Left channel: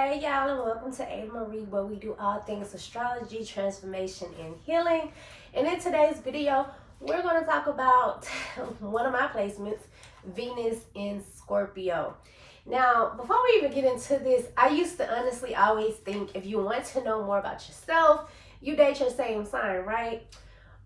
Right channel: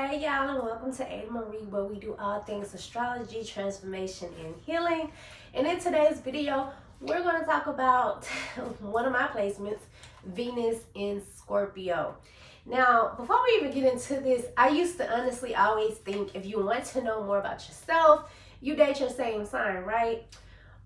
Hey y'all, and welcome to Ada Marie, where we do all things astrology, transformation, and healing. And in today's video, we're going to talk about one of my placements, Venus in Scorpio. Now, before we even get into this, I used to honestly always think if you want to know more about yourself, you date your same sign, right?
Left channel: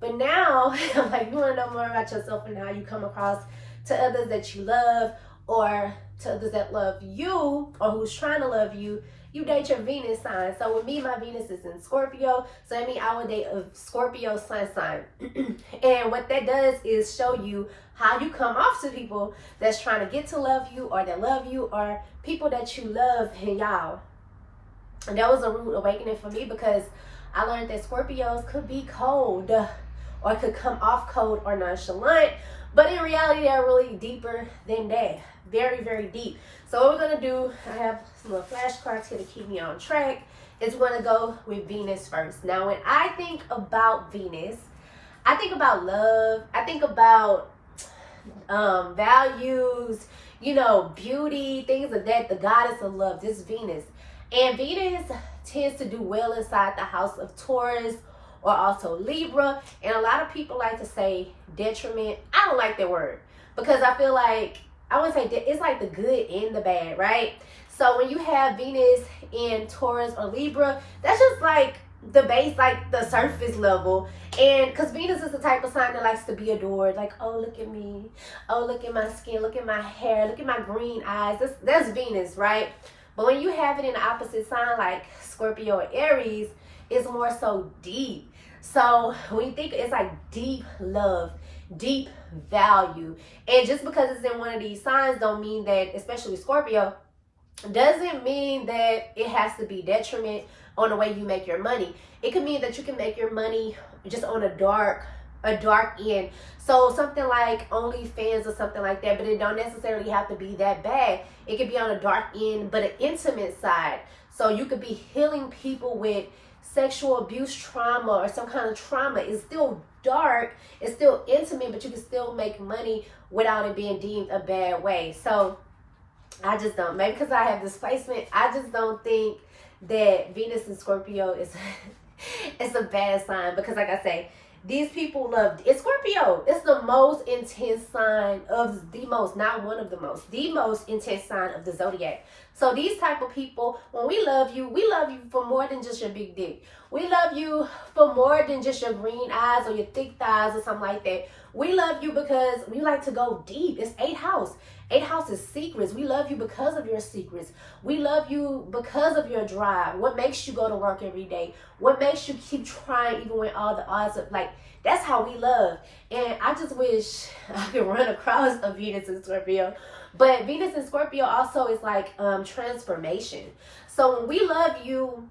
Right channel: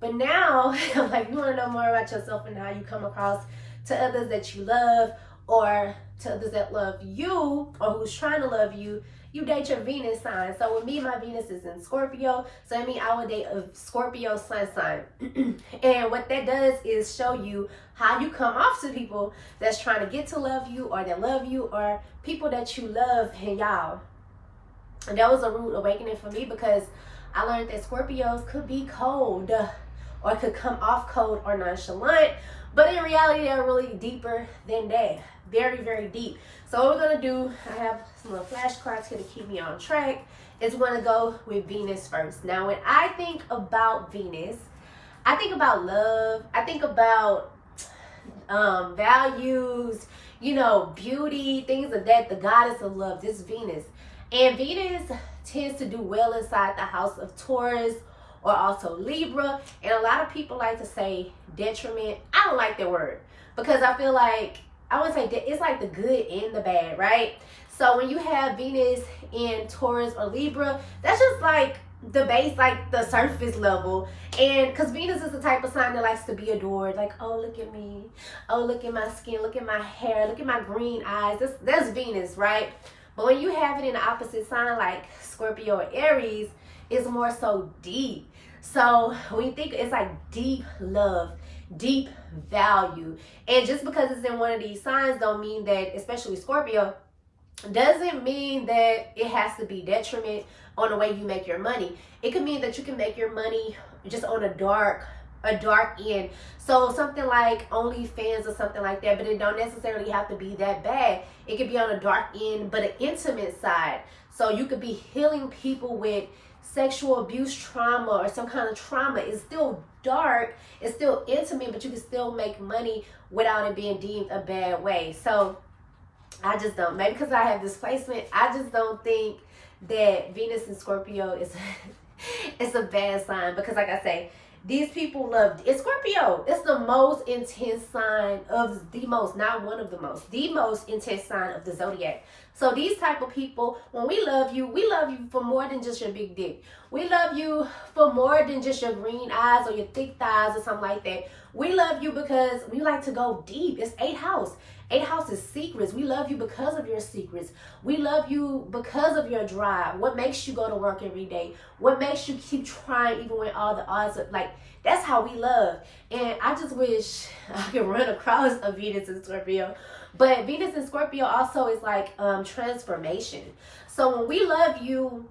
But now, like, you want to know more about yourself and how you come across to others that you love, or to others that love you, or who's trying to love you, you date your Venus sign. So with me, my Venus is in Scorpio, so I mean I would date a Scorpio sun sign. And what that does is show you how you come off to people that's trying to get to love you, or that love you, or people that you love. And y'all, and that was a rude awakening for me, because I learned that Scorpios could be cold, or could come off cold or nonchalant, but in reality they're really deeper than that. Very, very deep. So what we're going to do, I have some little flashcards here to keep me on track, is we're going to go with Venus first. Now, when I think about Venus, I think about love, I think about values, beauty, things of that. The goddess of love, this Venus. And Venus tends to do well inside the house of Taurus, or also Libra. And a lot of people like to say detriment. I don't like that word, because I feel like, I would say it's like the good and the bad, right? So when you have Venus in Taurus or Libra, that's just like the base, like the surface level. And because Venus is the type of sign that likes to be adored, like, oh, look at me, oh, look at my skin, look at my hair, look at my green eyes. That's Venus, right? But when you have it in the opposite sign, like Scorpio or Aries, it's more so deep. So when you think, it's like deep love, deep value. And just because it's in one of these signs don't mean that, especially Scorpio, doesn't mean that it has to be detriment on the way you make your money. It could mean that you can make your money just on a dark end. So something like OnlyFans or something like that, but it don't necessarily have to be that bad. It could be on a dark end, but an intimate side. So you could be healing people with sexual abuse trauma, or some kind of trauma. It's still dark, it's still intimate, but you can still make money without it being deemed a bad way. So I just don't, maybe because I have this placement, I just don't think that Venus in Scorpio is it's a bad sign. Because like I say, these people love it's Scorpio. It's the most intense sign of the most, not one of the most intense sign of the zodiac. So these type of people, when we love you for more than just your big dick. We love you for more than just your green eyes or your thick thighs or something like that. We love you because we like to go deep. It's 8th house. 8th house is secrets. We love you because of your secrets. We love you because of your drive. What makes you go to work every day? What makes you keep trying even when all the odds are like, that's how we love. And I just wish I could run across a Venus in Scorpio. But Venus in Scorpio also is like transformation. So when we love you,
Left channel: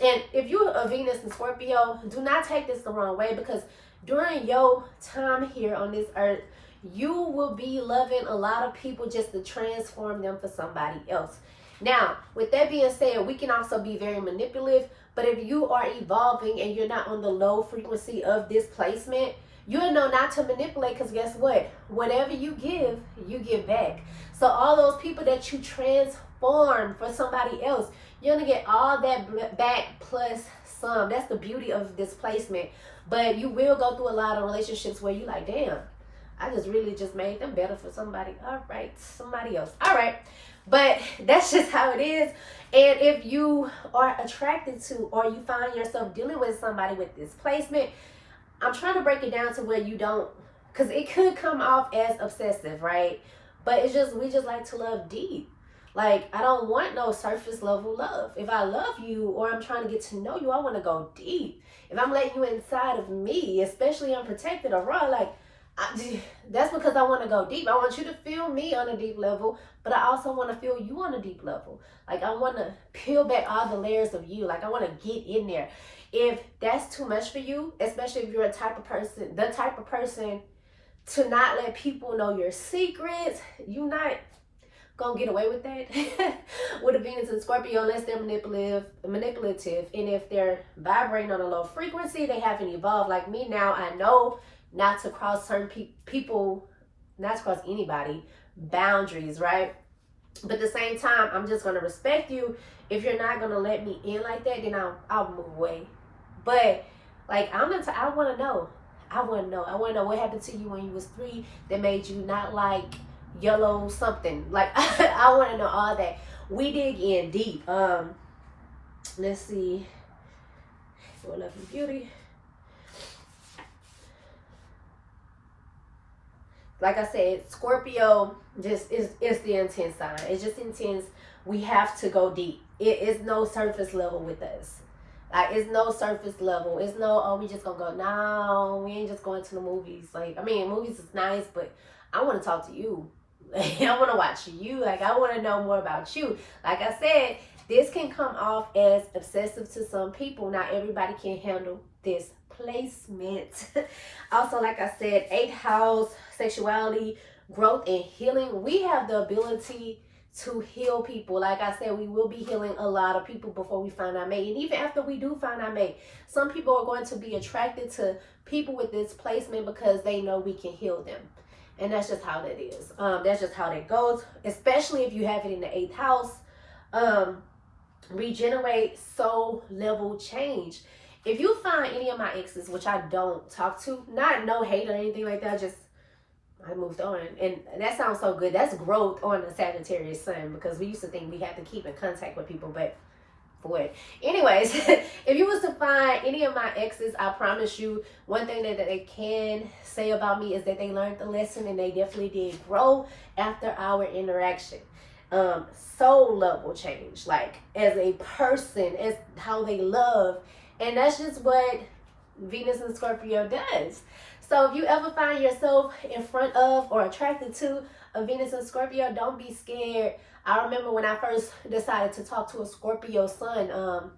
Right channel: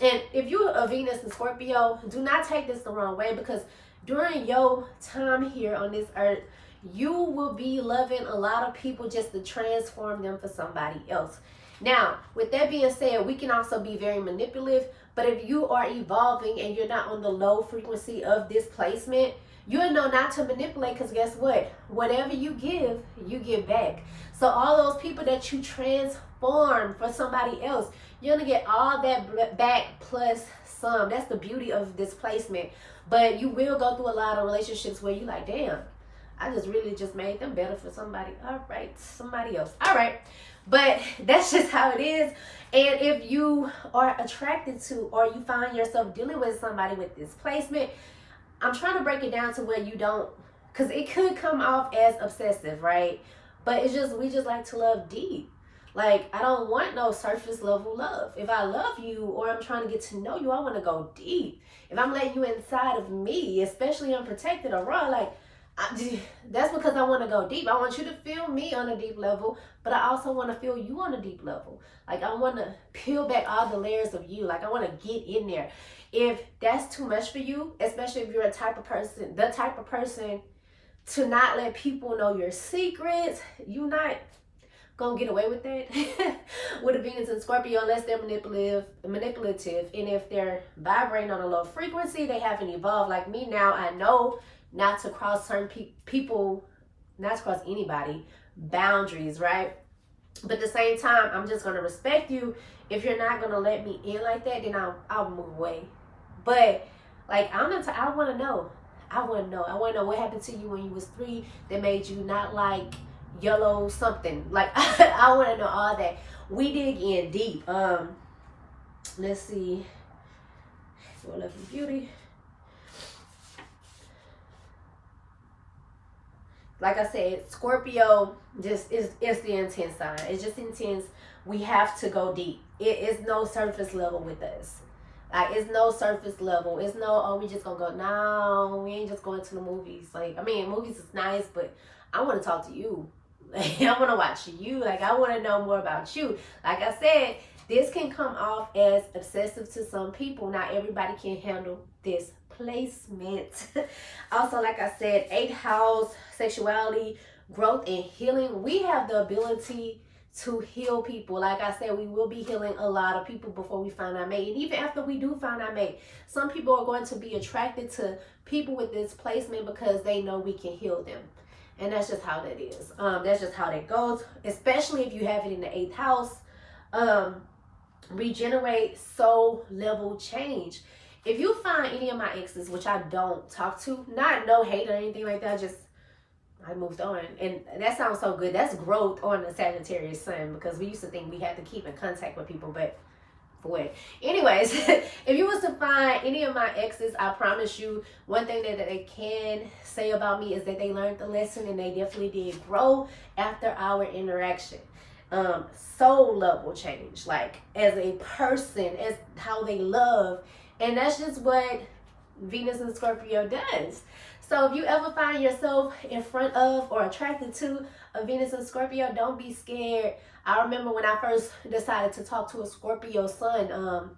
and if you're a Venus in Scorpio, do not take this the wrong way, because during your time here on this earth, you will be loving a lot of people just to transform them for somebody else. Now, with that being said, we can also be very manipulative, but if you are evolving and you're not on the low frequency of this placement, you'll know not to manipulate, because guess what? Whatever you give back. So all those people that you transform for somebody else, you're going to get all that back plus some. That's the beauty of this placement. But you will go through a lot of relationships where you like, damn, I just really just made them better for somebody. All right, somebody else. All right. But that's just how it is. And if you are attracted to, or you find yourself dealing with somebody with this placement, I'm trying to break it down to where you don't, because it could come off as obsessive, right? But it's just, we just like to love deep. Like, I don't want no surface level love. If I love you, or I'm trying to get to know you, I want to go deep. If I'm letting you inside of me, especially unprotected or raw, like, that's because I want to go deep. I want you to feel me on a deep level, but I also want to feel you on a deep level. Like, I want to peel back all the layers of you. Like, I want to get in there. If that's too much for you, especially if you're the type of person to not let people know your secrets, you're not gonna get away with that with a Venus in Scorpio, unless they're manipulative. And if they're vibrating on a low frequency, they haven't evolved like me. Now I know not to cross certain people, not to cross anybody boundaries, right? But at the same time, I'm just going to respect you. If you're not going to let me in like that, then I'll move away. But like, I want to know. I want to know. I want to know what happened to you when you was 3 that made you not like yellow something. Like, I want to know all that. We dig in deep. Let's see. For Love and Beauty. Like I said, Scorpio just is the intense sign. It's just intense. We have to go deep. It is no surface level with us. Like, it's no surface level. It's no, oh, we just gonna go. No, we ain't just going to the movies. Like, I mean, movies is nice, but I want to talk to you. I want to watch you. Like, I want to know more about you. Like I said, this can come off as obsessive to some people. Not everybody can handle this placement. Also, like I said, 8th house, sexuality, growth, and healing. We have the ability to heal people. Like I said, we will be healing a lot of people before we find our mate. And even after we do find our mate, some people are going to be attracted to people with this placement because they know we can heal them. And that's just how that is. That's just how that goes, especially if you have it in the 8th house. Regenerate, soul level change. If you find any of my exes, which I don't talk to, not no hate or anything like that, I moved on. And that sounds so good. That's growth on the Sagittarius sun, because we used to think we had to keep in contact with people, but for what? Anyways, if you was to find any of my exes, I promise you, one thing that they can say about me is that they learned the lesson, and they definitely did grow after our interaction. Soul level change, like as a person, as how they love. And that's just what Venus and Scorpio does. So if you ever find yourself in front of or attracted to a Venus and Scorpio, don't be scared. I remember when I first decided to talk to a Scorpio sun,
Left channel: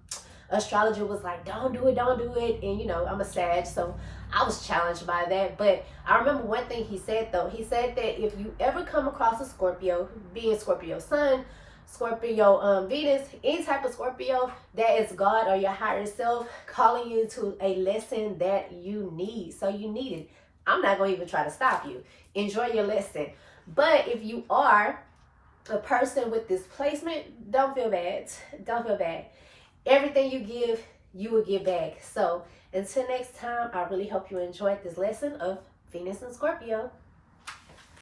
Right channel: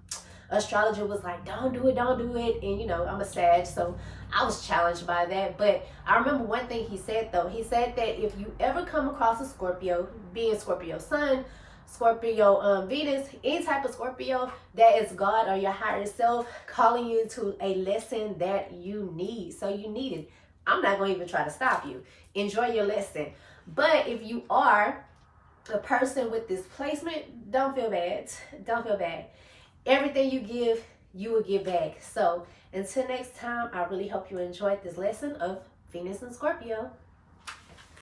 astrologer was like, don't do it. And you know, I'm a Sag, so I was challenged by that. But I remember one thing he said though. He said that if you ever come across a Scorpio, being Scorpio sun, Scorpio Venus, any type of Scorpio, that is God or your higher self calling you to a lesson that you need. So you need it. I'm not going to even try to stop you. Enjoy your lesson. But if you are a person with this placement, don't feel bad. Don't feel bad. Everything you give, you will give back. So until next time, I really hope you enjoyed this lesson of Venus and Scorpio.